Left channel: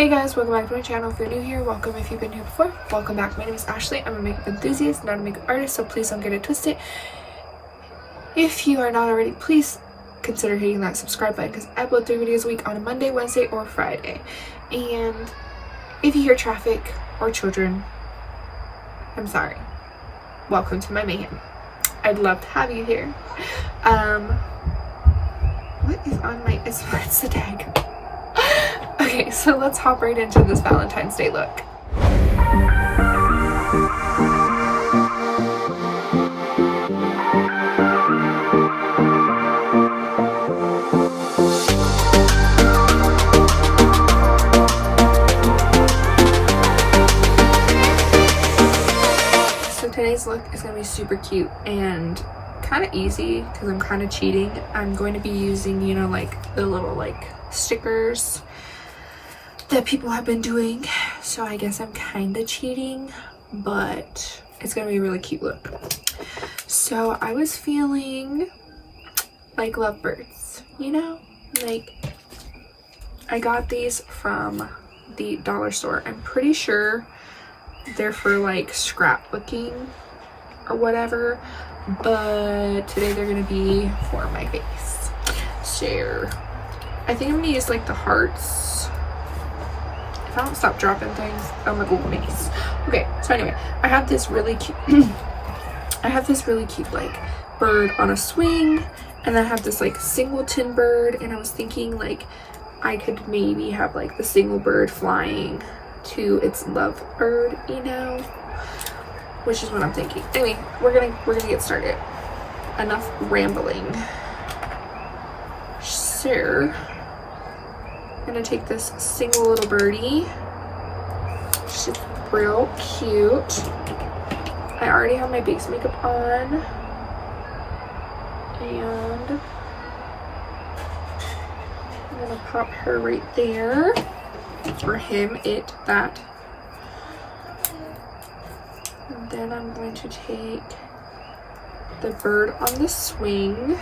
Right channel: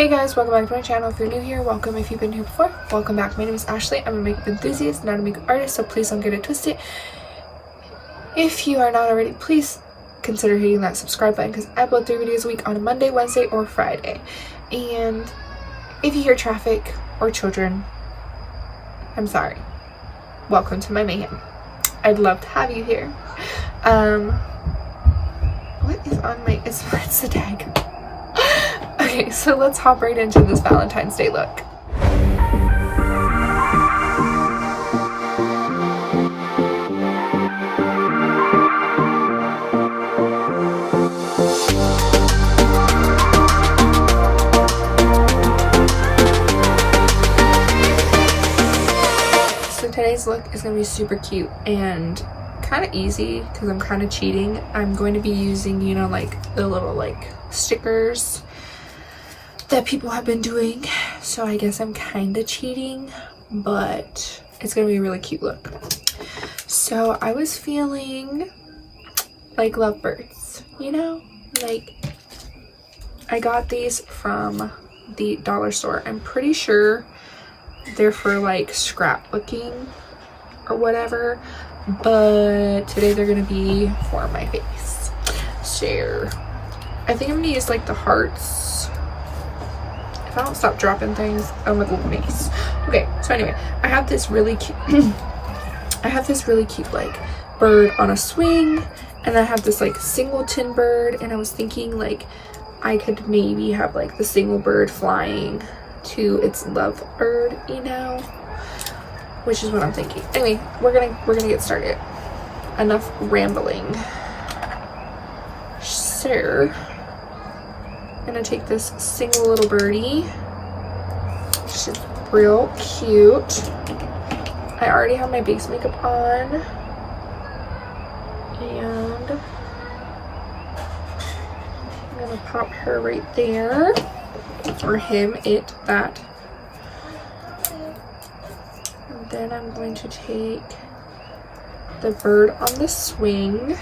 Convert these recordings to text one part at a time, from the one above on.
Hey guys, welcome back to my channel. If you're new here, welcome. If you've been here before, welcome back. My name is Ashley. I'm a makeup enthusiast, not a makeup artist, so please don't get it twisted. If you are not already, please consider hitting that subscribe button because I upload 3 videos a week on a Monday, Wednesday, or Friday. And if you hear traffic or children, I'm sorry. Welcome to my mayhem. I'd love to have you here. What is on my, it's the tag. Okay, so let's hop right into this Valentine's Day look. So today's look is going to be super cute and kind of easy because I'm kind of cheating. I'm going to be using, you know, like the little like stickers that people have been doing, so I guess I'm kind of cheating, but it's gonna be a really cute look. So I was feeling like lovebirds, you know, like I got these from the dollar store. I'm pretty sure they're for like scrapbooking or whatever, but today they're gonna be for my face. So I think I'm gonna use like the hearts. If I don't stop dropping things, I'm gonna go mace. Okay, so anyway, I have this really cute like bird on a swing, and I have this like singleton bird, and I was thinking like I could maybe have like the single bird flying to its love bird, you know, which is what I'm thinking. Anyway, we're gonna get started. Enough rambling. So I'm gonna take this single little birdie. She's real cute. I already have my base makeup on, and I'm gonna pop her right there, or him, it, that. And then I'm going to take the bird on the swing,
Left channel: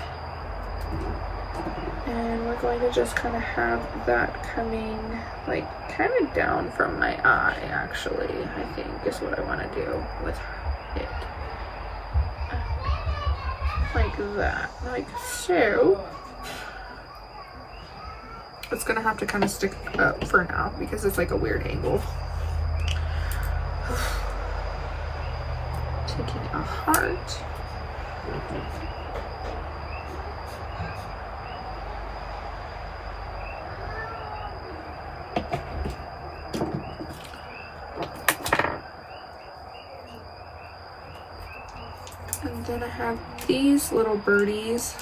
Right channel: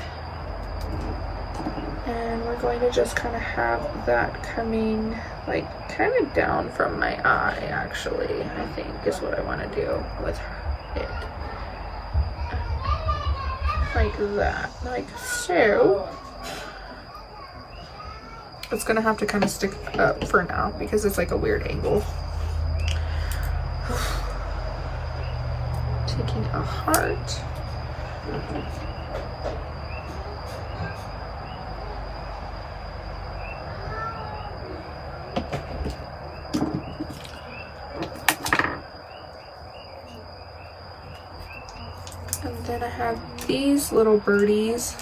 and we're going to just kind of have that coming like kind of down from my eye, actually, I think is what I want to do with it. Like that, like so. It's gonna have to kind of stick up for now because it's like a weird angle. Taking a heart. And then I have these little birdies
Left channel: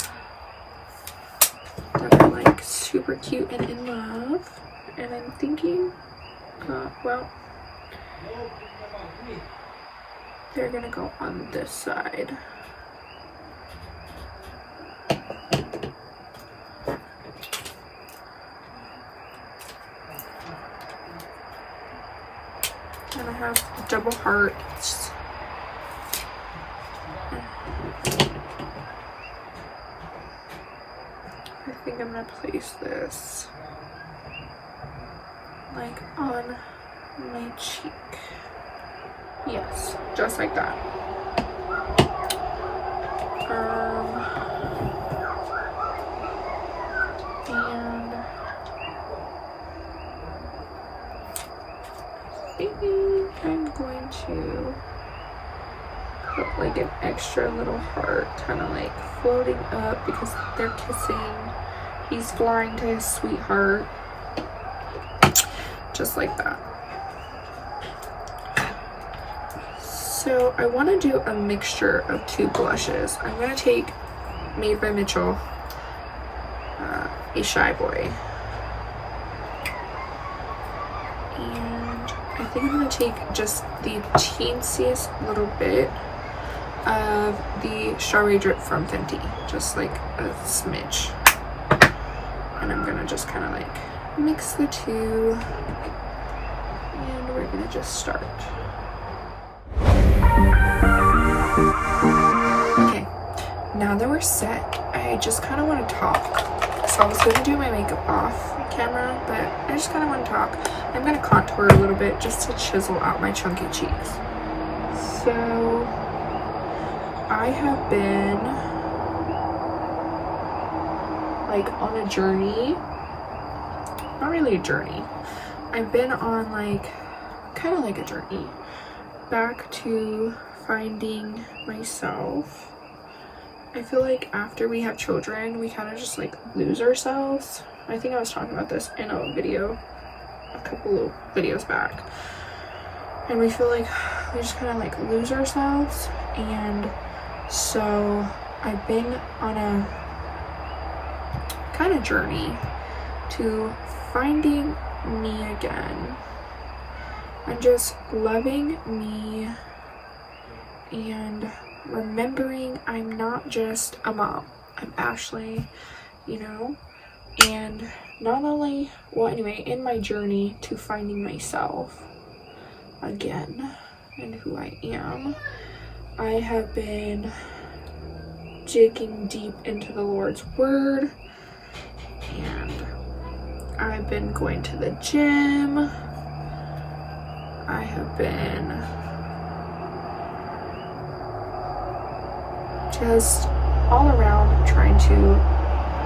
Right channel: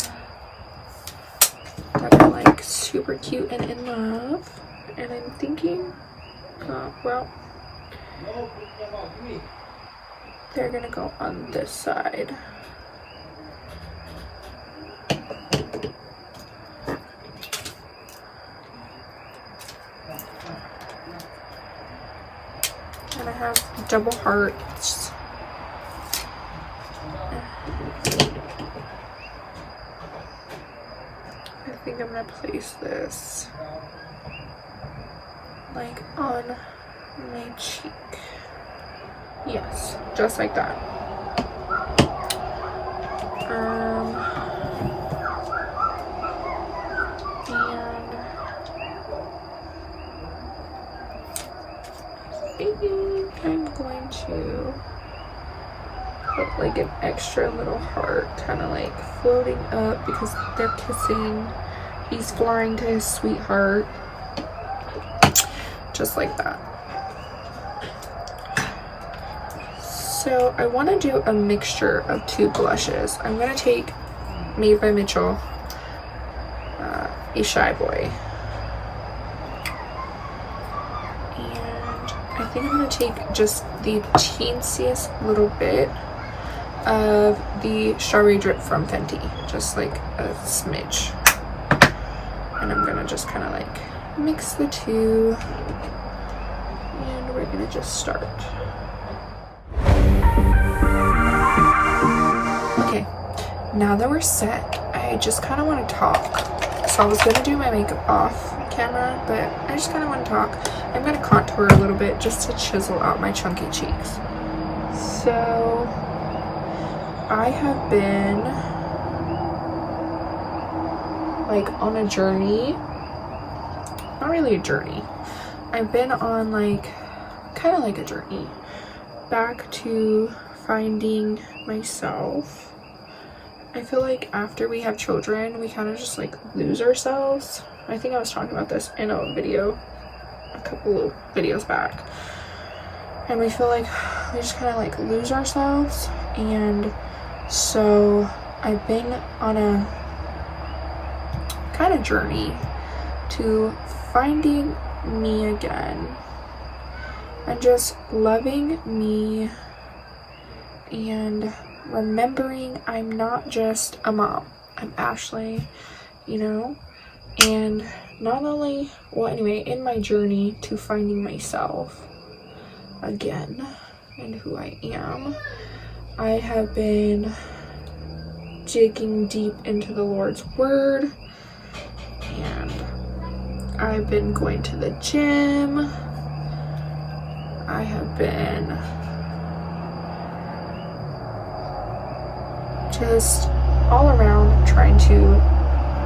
that are like super cute and in love. And I'm thinking, well, they're gonna go on this side. And I have double hearts. I think I'm gonna place this like on my cheek. Yes, just like that. And I think I'm going to put like an extra little heart kind of like floating up because they're kissing. He's flying to his sweetheart. Just like that. So I want to do a mixture of 2 blushes. I'm going to take Made by Mitchell, a Shy Boy. And I think I'm going to take just the teensiest little bit of the Strawberry Drip from Fenty. Just like a smidge. And I'm going to just kind of like mix the 2. And we're going to just start. Okay, now that we're set, I just kind of want to talk. So I was going to do my makeup off camera, but I just kind of want to talk. I'm going to contour a little bit just to chisel out my chunky cheeks. So I have been like on a journey. Not really a journey. I've been on like kind of like a journey back to finding myself. I feel like after we have children, we kind of just like lose ourselves. I think I was talking about this in a video a couple videos back, and we feel like we just kind of like lose ourselves. And so I've been on a kind of journey to finding me again and just loving me and remembering I'm not just a mom, I'm Ashley, you know. And not only, well, anyway, in my journey to finding myself again and who I am, I have been digging deep into the Lord's word, and I've been going to the gym. I have been just all around trying to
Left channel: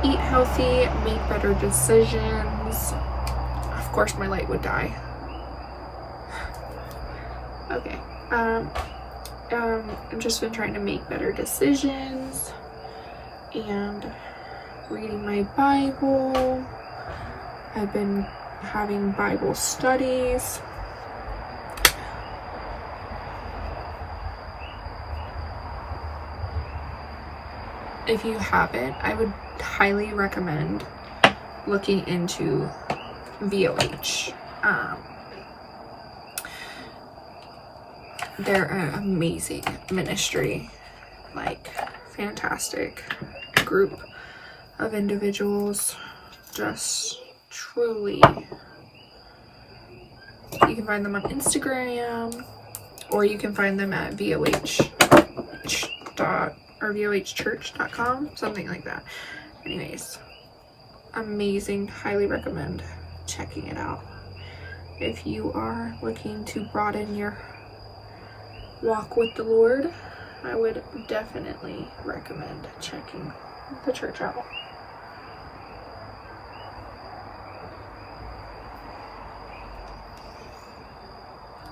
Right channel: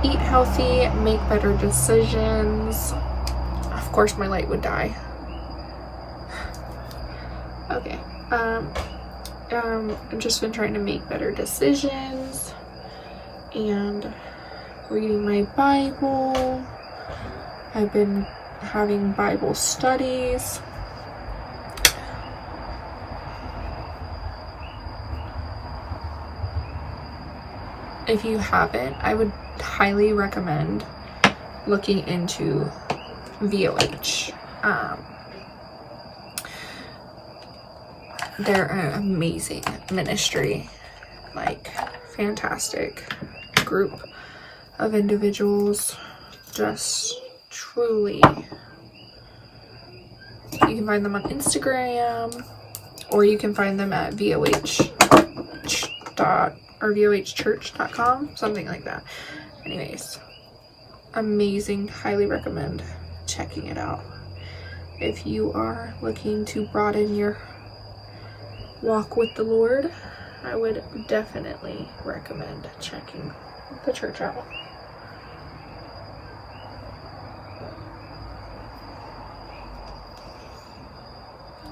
eat healthy, make better decisions. Of course my light would die. Okay. I've just been trying to make better decisions and reading my Bible. I've been having Bible studies. If you haven't, I would highly recommend looking into VOH. They're an amazing ministry, like fantastic group of individuals, just truly. You can find them on Instagram, or you can find them at vohchurch.com, something like that. Anyways, amazing. Highly recommend checking it out. If you are looking to broaden your walk with the Lord, I would definitely recommend checking the church out.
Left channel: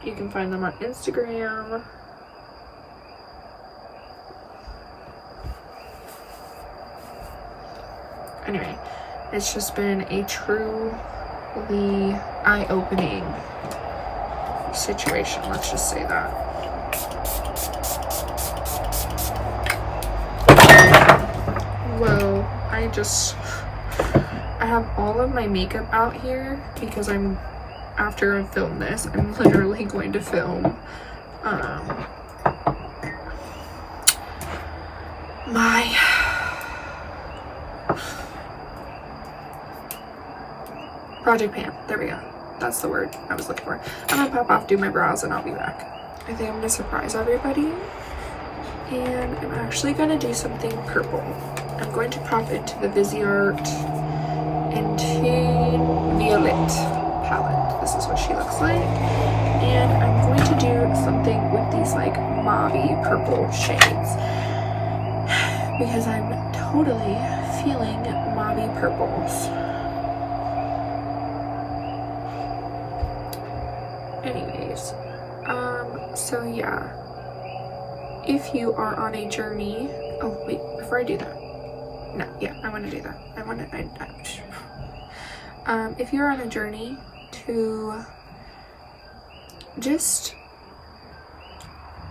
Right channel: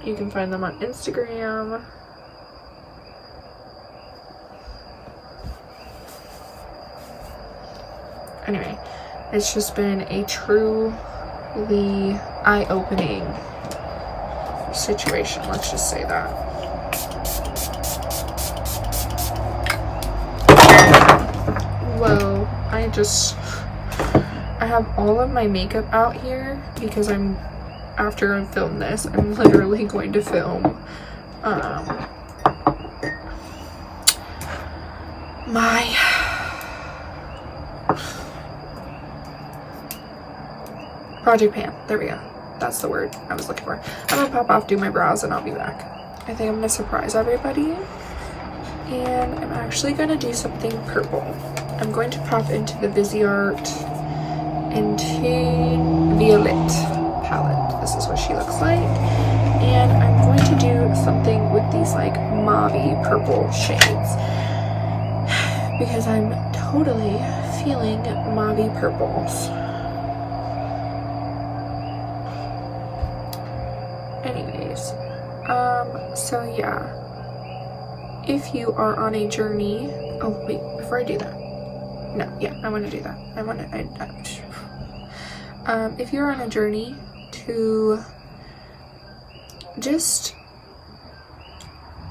You can find them on Instagram. Anyway, it's just been a truly eye-opening situation, let's just say that. Whoa, I have all of my makeup out here because after I film this, I'm literally going to film my project pan. There we go. That's the word I was looking for. I'm gonna pop off, do my brows, and I'll be back. I think I'm gonna surprise everybody, and I'm actually gonna do something purple. I'm going to pop into the Viseart into Violet palette. This is what she looks like, and I'm going to do something with these like mauvey purple shades because I'm totally feeling mauvey purples. Anyways, so yeah, if you are on a journey, oh wait, before I do that, no, yeah, I want to do that. If you're on a journey to just,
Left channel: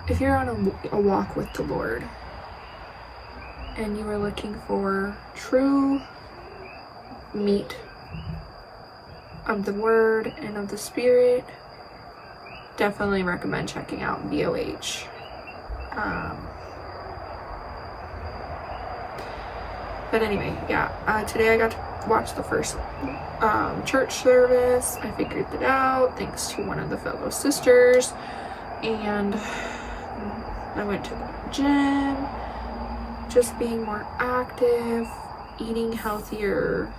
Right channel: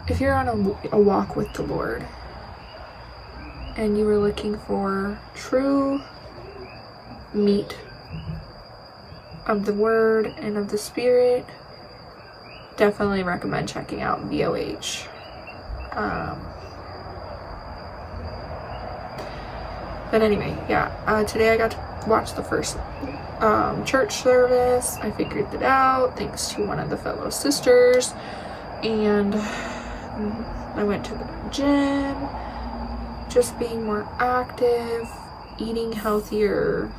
if you're on a walk with the Lord and you are looking for true meat of the Word and of the Spirit, definitely recommend checking out VOH. But anyway, yeah, today I got to watch the first church service. I figured it out thanks to one of the fellow sisters, and I went to the gym, just being more active, eating healthier,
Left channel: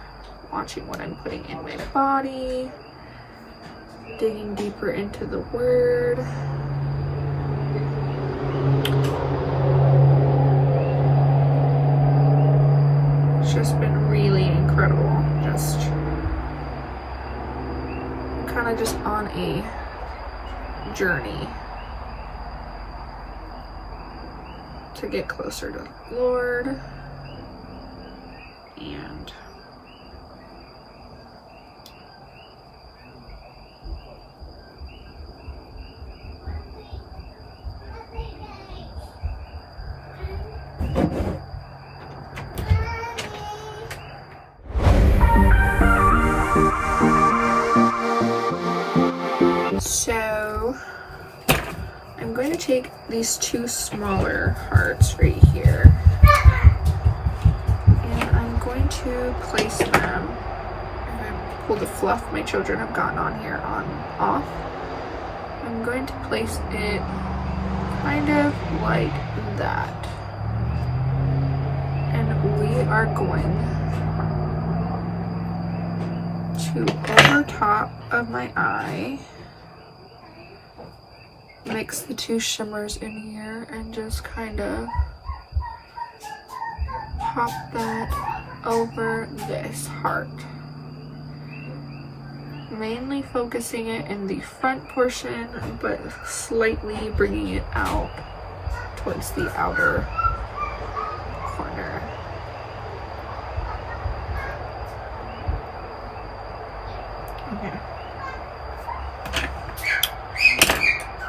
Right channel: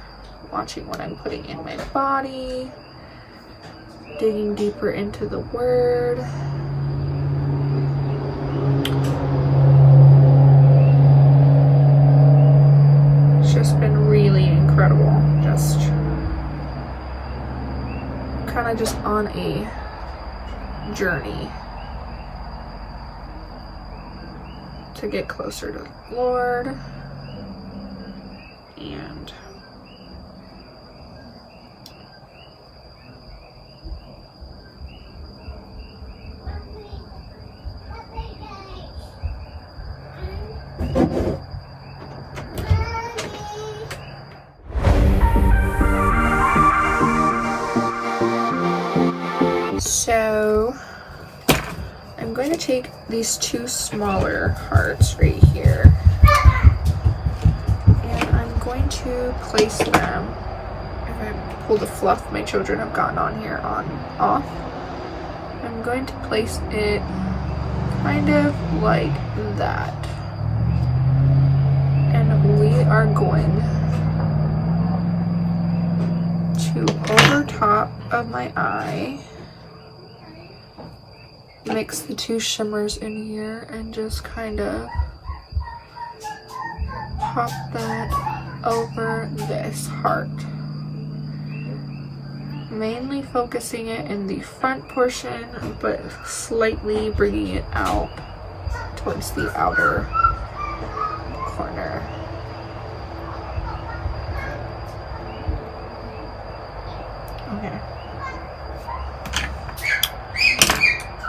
watching what I'm putting in my body, digging deeper into the word. It's just been really incredible. Just kind of just on a journey to get closer to the Lord. And so I'm going to take these two smaller hearts right here, and I'm going to place them. If I pull the fluff my children have gotten on here off, I'm going to place it kind of like that, and we are going to, over top of my eye, mix the two shimmers in here and just kind of pop that over this heart, mainly focusing it in the front portion but slightly bringing it out towards the outer corner. Okay.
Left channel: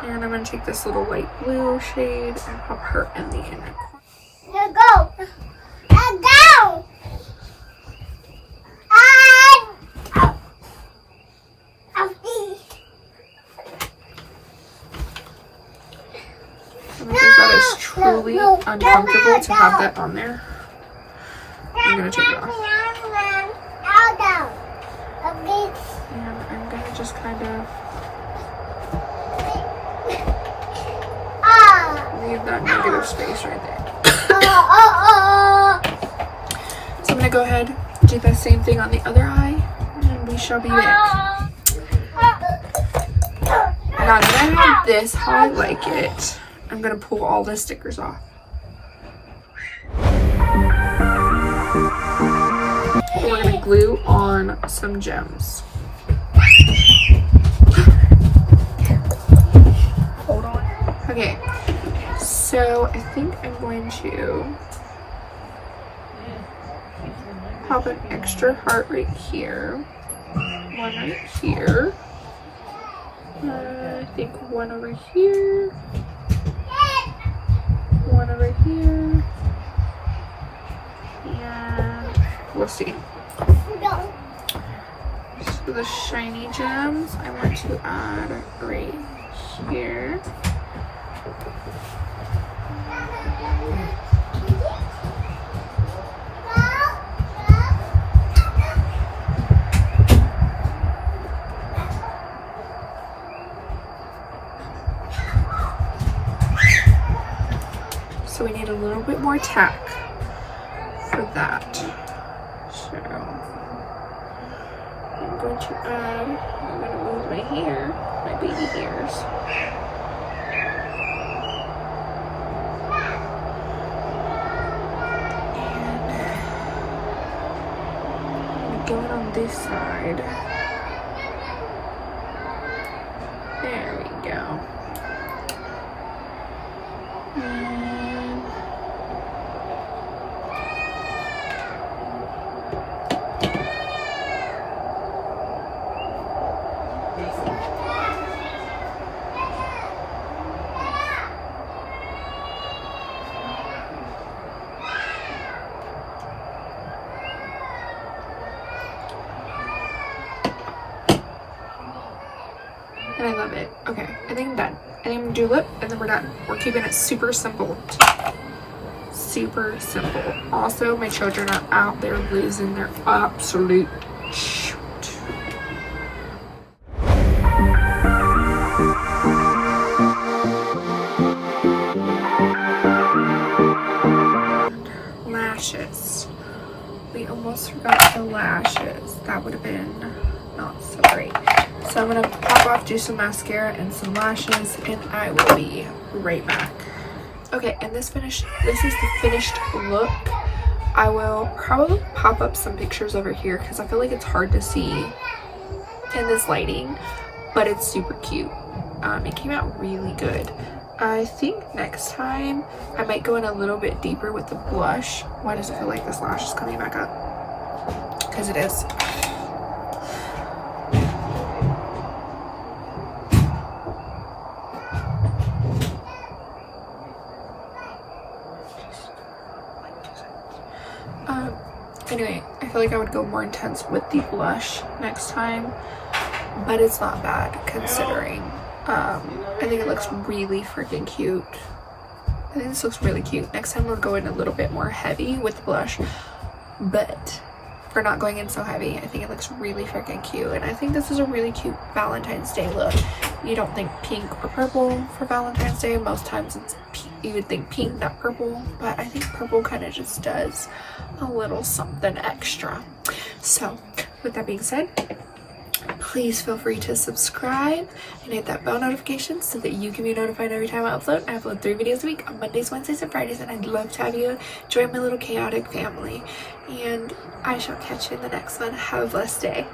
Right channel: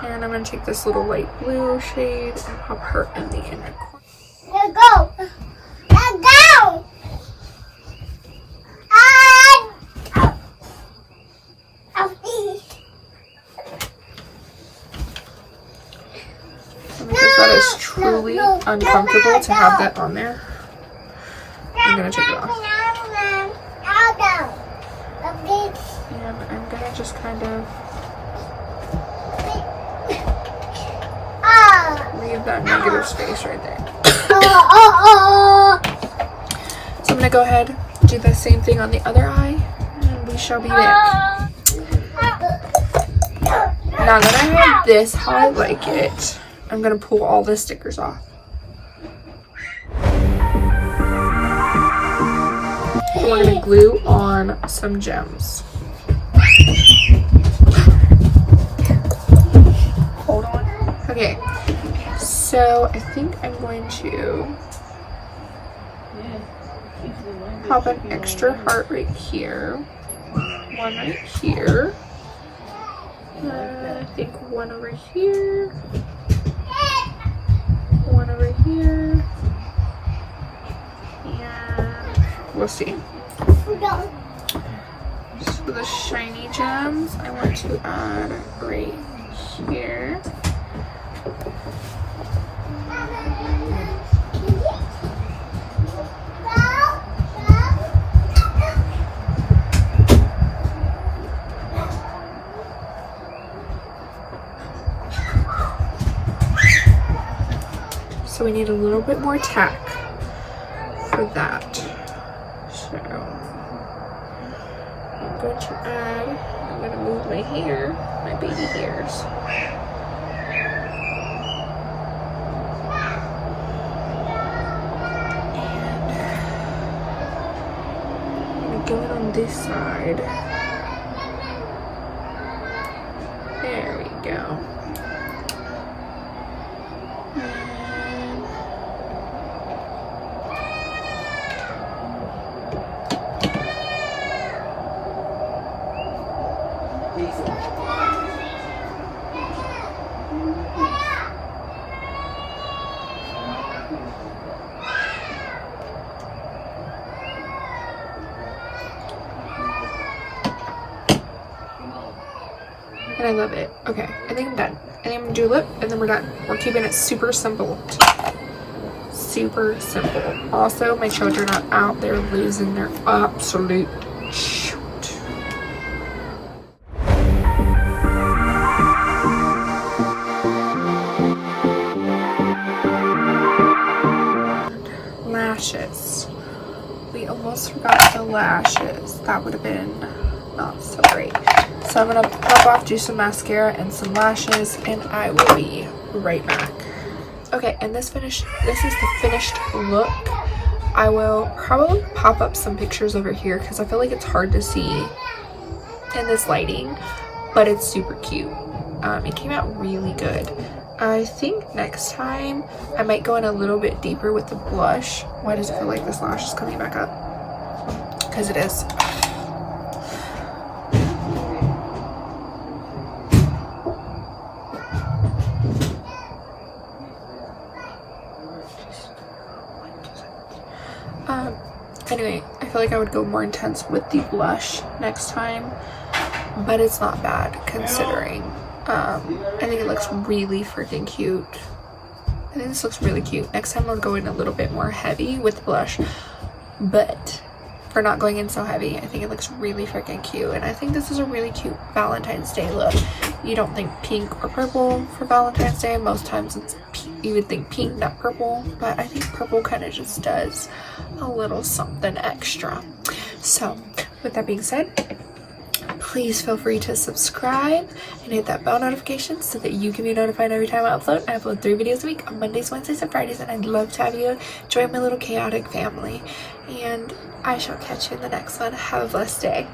And I'm going to take this little light blue shade and pop her in the inner corner. Let go! Let go! Because that is truly uncomfortable to have that on there, I'm going to take it off. And I'm going to just kind of leave that negative space right there. So I'm going to go ahead and do the same thing on the other eye, and we shall be back. Now that I have this how I like it, I'm going to pull all the stickers off. We're going to glue on some gems. Hold on. Okay, so I think I'm going to pop an extra heart right here, one right here, I think one over here, one over here, and we'll see. So the shiny gems I want to add right here. So we need a little bit more tack for that. So I'm going to add, I'm going to move my hair, my baby hairs. And I'm going to go on this side. There we go. And I love it. Okay, I think I'm done. I think I'm gonna do lip and then we're done. We're keeping it super simple. Super simple. Also, my children are out there losing their absolute shoot. Lashes. We almost forgot the lashes. that would have been not so great. So I'm gonna pop off, do some mascara and some lashes, and I will be right back. Okay, and this is the finished look. I will probably pop up some pictures over here because I feel like it's hard to see in this lighting, but it's super cute. It came out really good. I think next time I might go in a little bit deeper with the blush. Why does it feel like this lash is coming back up? Because it is. Anyway, I feel like I would go more intense with the blush next time, but it's not bad considering. I think it looks really freaking cute. I think this looks really cute. Next time I'll go in a little bit more heavy with the blush, but for not going in so heavy, I think it looks really freaking cute. And I think this is a really cute Valentine's Day look. You don't think pink or purple for Valentine's Day. Most times it's you would think pink, not purple, but I think purple kind of just does a little something extra. So with that being said, please feel free to subscribe and hit that bell notification so that you can be notified every time I upload. I upload 3 videos a week on Mondays, Wednesdays, and Fridays, and I'd love to have you join my little chaotic family. And I shall catch you in the next one. Have a blessed day.